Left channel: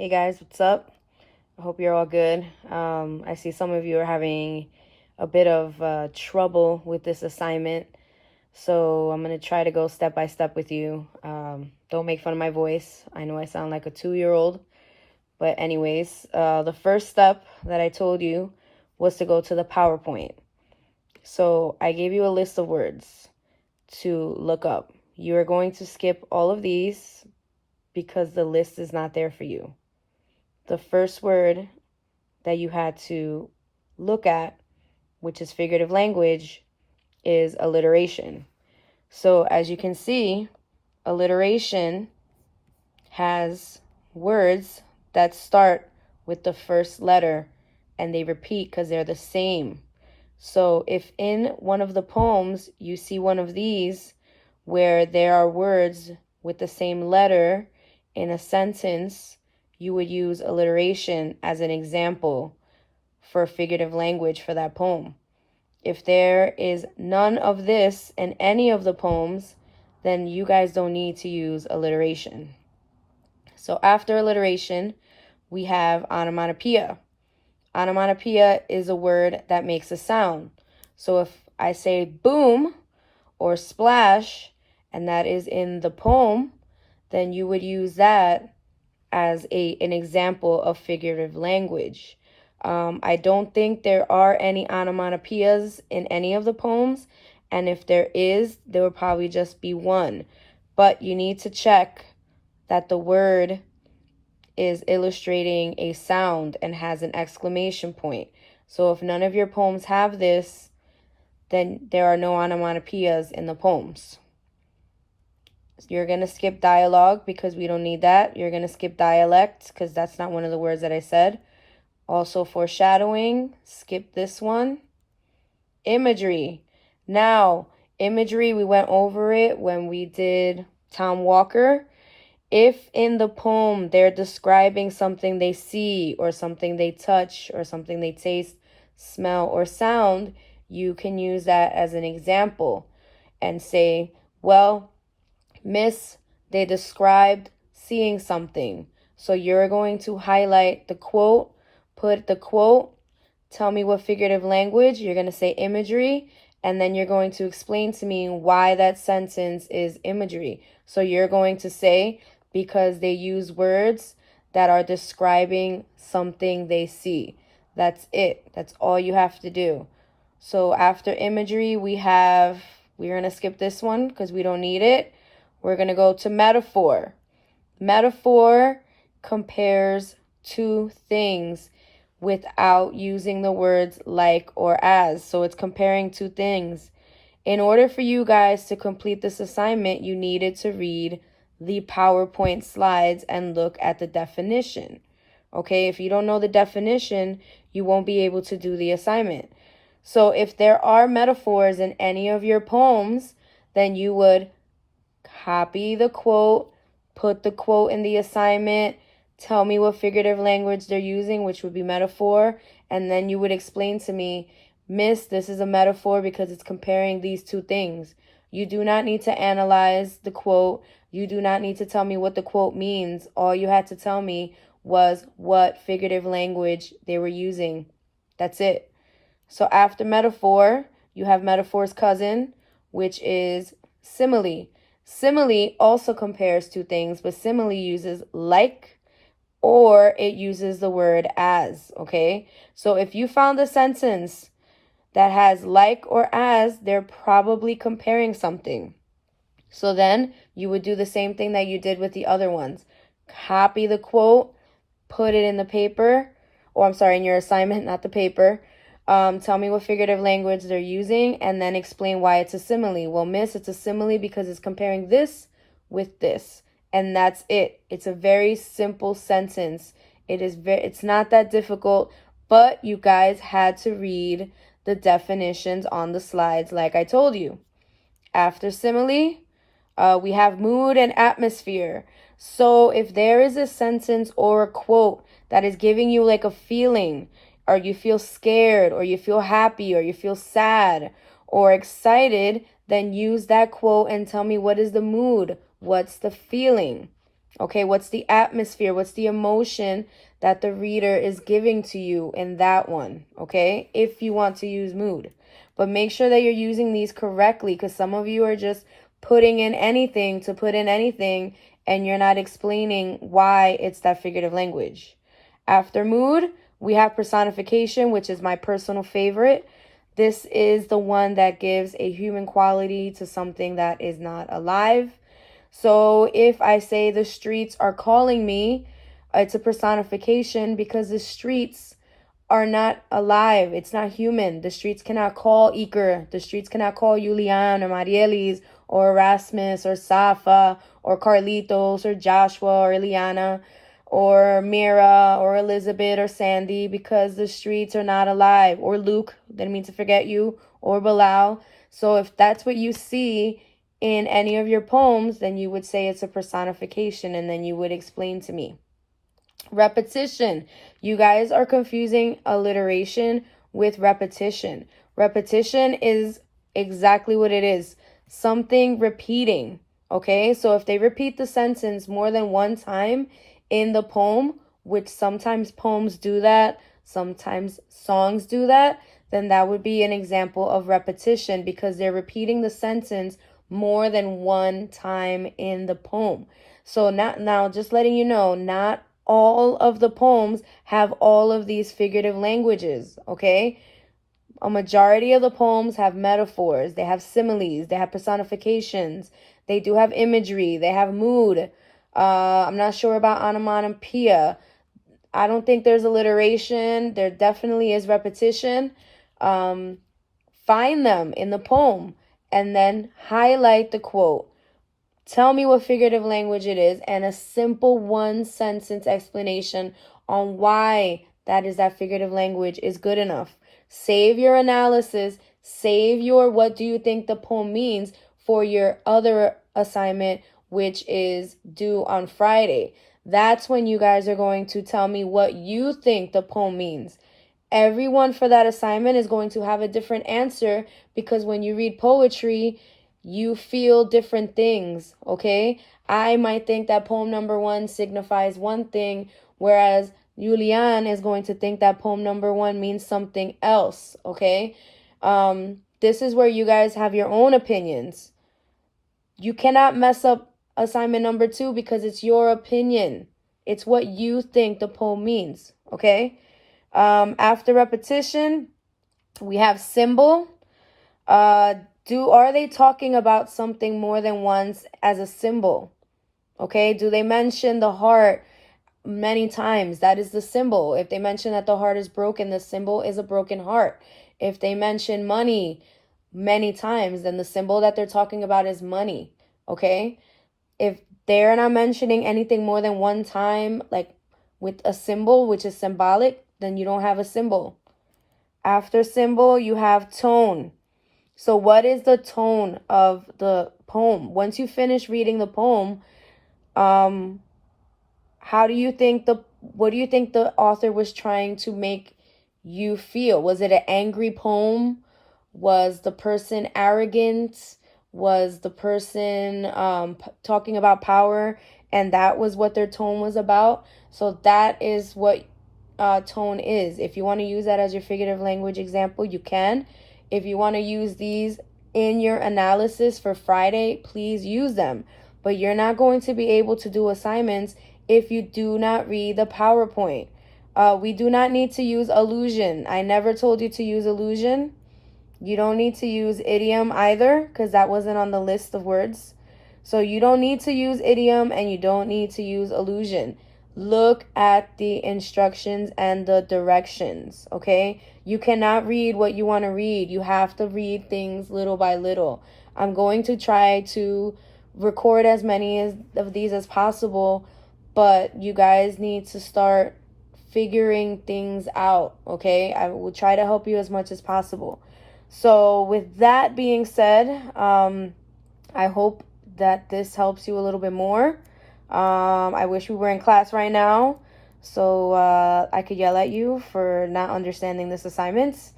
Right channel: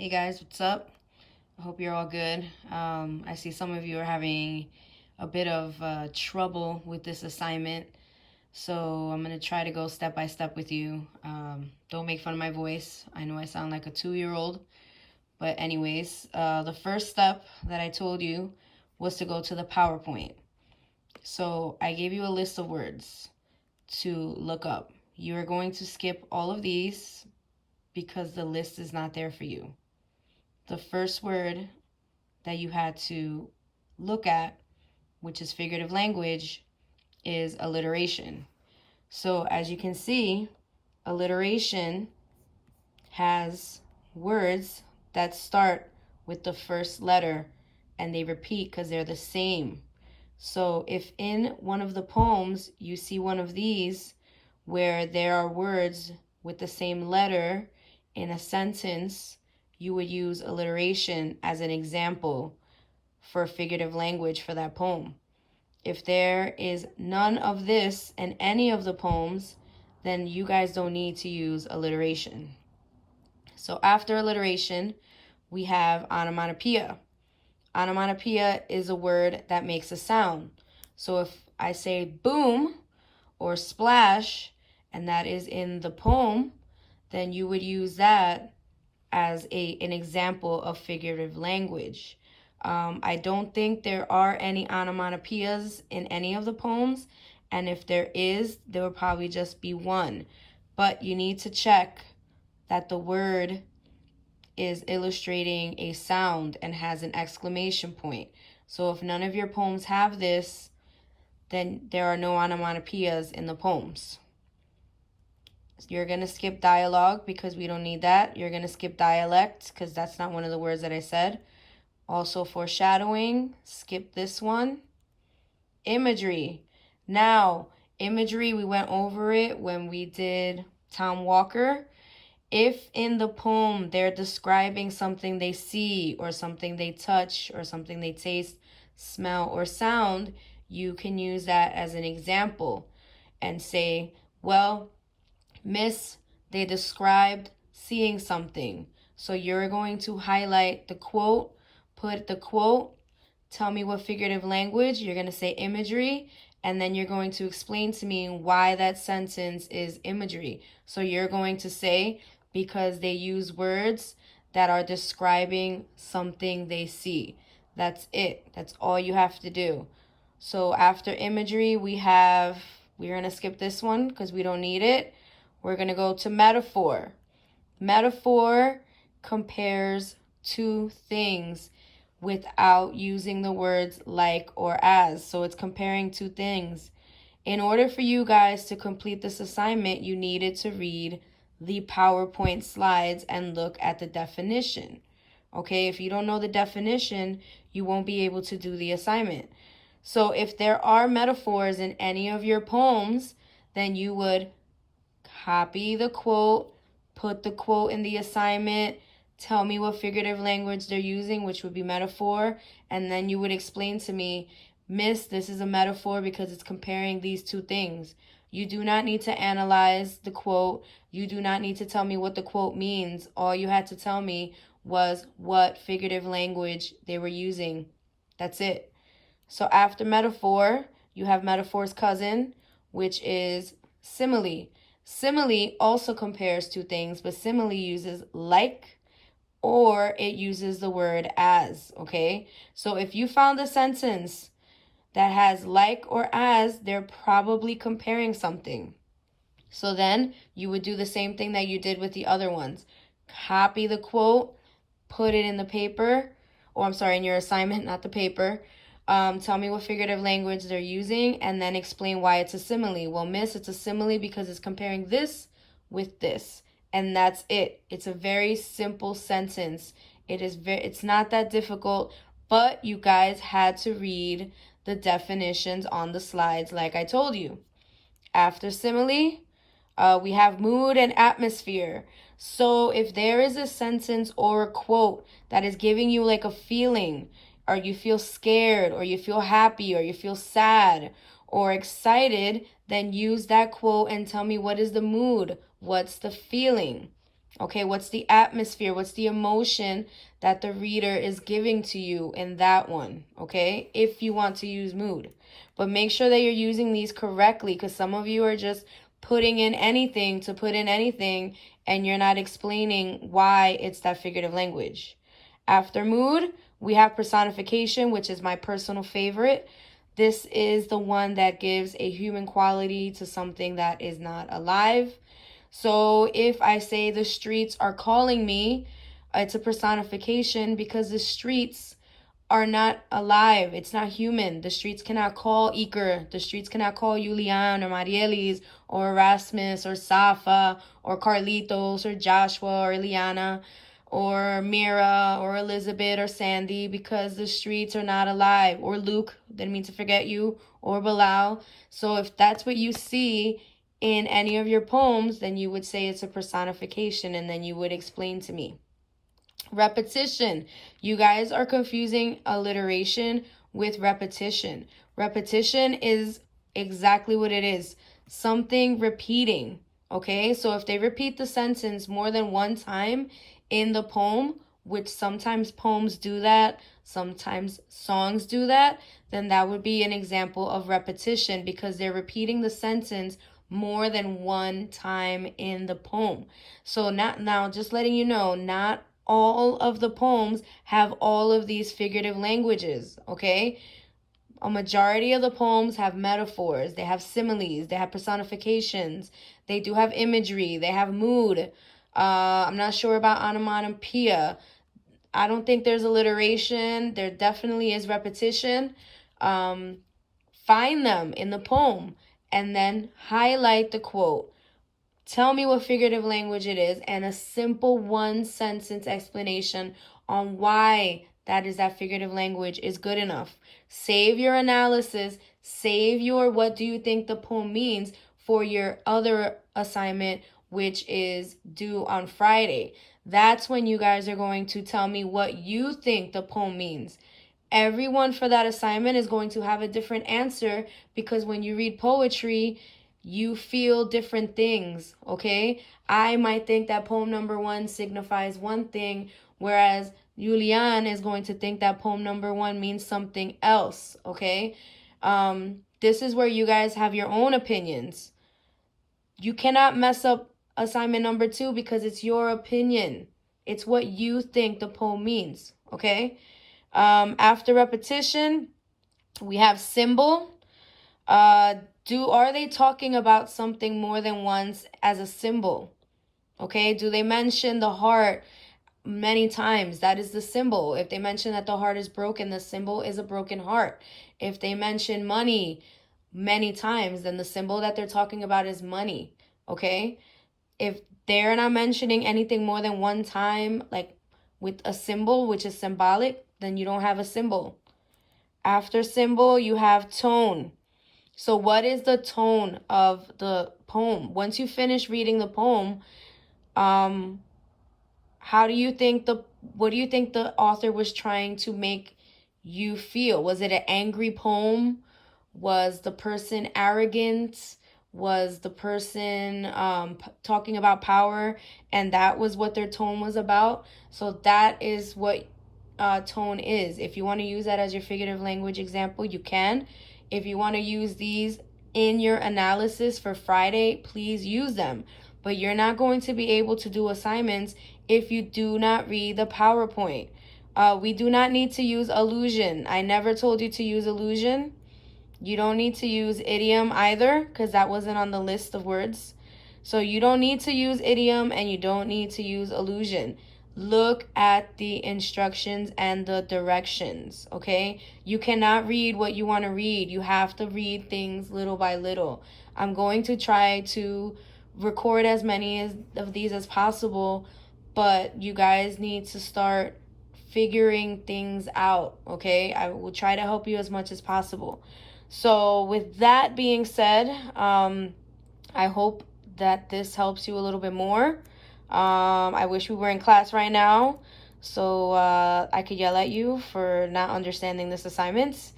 Hey guys, what's up? I hope you're all good. I see some of you are having a bit of trouble with this assignment, so I'm going to try to go step by step with you. Don't make fun of my voice. I know I sound like a 2-year-old, but anyways, the first step that I told you was to go to the PowerPoint. So I gave you a list of words to look up. You are going to skip all of these because the list is not there for you. The first word that you had to look at, which is figurative language, is alliteration. So as you can see, alliteration has words that start with the first letter and they repeat because they're the same. So if in one of the poems you see one of these where there are words with the same letter in a sentence, you would use alliteration as an example for figurative language for that poem. If there is none of this in any of the poems, then you guys don't need to use alliteration. So after alliteration, we have onomatopoeia. Onomatopoeia is a word that makes a sound. So if I say boom or splash, and that is in the poem, then you would use that as an example of figurative language. I don't think there are any onomatopoeias in any of the poems, and if there is, there would probably just be one. But you need to check that the word is illustrating a sound and has an exclamation point. So if none of your poems have this, then there are no onomatopoeias in the poems. You're going to skip dialogue because we don't need that. You're going to skip dialect because that's not one of the words that I said. Also foreshadowing, skip this one. Imagery. Now, imagery, we went over it when we did Tom Walker. If in the poem they're describing something they see or something they touch or something they taste, smell, or sound, you can use that as an example and say, well, Miss, they described seeing something. So you're going to highlight the quote, put the quote, tell me what figurative language, you're going to say imagery, and then you're going to explain to me why that sentence is imagery. So you're going to say, because they use words that are describing something they see. That's it. That's all you have to do. So after imagery, we're going to skip this one because we don't need it. We're going to go to metaphor. Metaphor compares two things without using the words like or as. So it's comparing two things. In order for you guys to complete this assignment, you needed to read the PowerPoint slides and look at the definition. Okay, if you don't know the definition, you won't be able to do the assignment. So if there are metaphors in any of your poems, then you would copy the quote, put the quote in the assignment, tell me what figurative language they're using, which would be metaphor, and then you would explain to me, Miss, this is a metaphor because it's comparing these two things. You do not need to analyze the quote. You do not need to tell me what the quote means. All you had to tell me was what figurative language they were using. That's it. So after metaphor, you have metaphor's cousin, which is simile. Simile also compares two things, but simile uses like or it uses the word as, okay? So if you found a sentence that has like or as, they're probably comparing something. So then you would do the same thing that you did with the other ones. Copy the quote, put it in the paper, or I'm sorry, in your assignment, not the paper. Tell me what figurative language they're using and then explain why it's a simile. Well, miss, it's a simile because it's comparing this with this. And that's it. It's a very simple sentence. It's not that difficult, but you guys had to read the definitions on the slides like I told you. After simile, we have mood and atmosphere. So if there is a sentence or a quote that is giving you like a feeling, or you feel scared, or you feel happy, or you feel sad, or excited, then use that quote and tell me what is the mood, what's the feeling. Okay, what's the atmosphere? What's the emotion that the reader is giving to you in that one? Okay, if you want to use mood. But make sure that you're using these correctly, because some of you are just putting in anything to put in anything, and you're not explaining why it's that figurative language. After mood, we have personification, which is my personal favorite. This is the one that gives a human quality to something that is not alive. So if I say the streets are calling me, it's a personification because the streets are not alive. It's not human. The streets cannot call Iker. The streets cannot call Julian or Marielis or Erasmus or Safa or Carlitos or Joshua or Eliana or Mira or Elizabeth or Sandy, because the streets are not alive. Or Luke, didn't mean to forget you, or Bilal. So if that's what you see in any of your poems, then you would say it's a personification, and then you would explain to me. Repetition. You guys are confusing alliteration with repetition. Repetition is exactly what it is. Something repeating. Okay, so if they repeat the sentence more than one time in the poem, which sometimes poems do that, sometimes songs do that, then that would be an example of repetition, because they're repeating the sentence more than one time in the poem. So now just letting you know, not all of the poems have all of these figurative languages, okay? A majority of the poems have metaphors, they have similes, they have personifications, they do have imagery, they have mood. I'm not sure about onomatopoeia. I don't think there's alliteration. There definitely is repetition. Find them in the poem and then highlight the quote. Tell me what figurative language it is, and a simple one-sentence explanation on why that is that figurative language is good enough. Save your analysis, save your what do you think the poem means for your other assignment, which is due on Friday. That's when you guys are going to tell me what you think the poem means. Everyone for that assignment is going to have a different answer, because when you read poetry, you feel different things, okay? I might think that poem number 1 signifies one thing, whereas Julian is going to think that poem number 1 means something else, okay? This is where you guys have your own opinions. You cannot mess up assignment number 2 because it's your opinion. It's what you think the poem means, okay? After repetition, we have symbol. Are they talking about something more than once as a symbol? Okay, do they mention the heart many times? That is the symbol. If they mention that the heart is broken, the symbol is a broken heart. If they mention money many times, then the symbol that they're talking about is money. Okay, if they're not mentioning anything more than one time, like with a symbol, which is symbolic, then you don't have a symbol. After symbol, you have tone. So what is the tone of the poem? Once you finish reading the poem, what do you think the author was trying to make you feel? Was it an angry poem? Was the person arrogant? Was the person talking about power, and that was what their tone was about? So that is what tone is. If you want to use that as your figurative language example, you can. If you want to use these in your analysis for Friday, please use them. But you're not going to be able to do assignments if you do not read the PowerPoint. We do not need to use allusion. I never told you to use allusion. You don't need to use idiom either, because that wasn't on the list of words. So you don't need to use idiom, and you don't need to use allusion. Look at the instructions and the directions, okay? You cannot read what you want to read. You have to read things little by little. I'm going to try to record as many of these as possible, but you guys need to start figuring things out, okay? I will try to help you as much as possible. So with that being said, I hope that this helps you a little bit more. I wish we were in class right now, so I could yell at you for not understanding this assignment.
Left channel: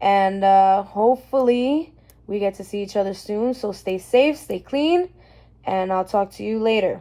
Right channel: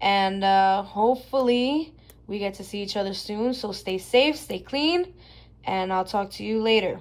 And hopefully we get to see each other soon. So stay safe, stay clean, and I'll talk to you later.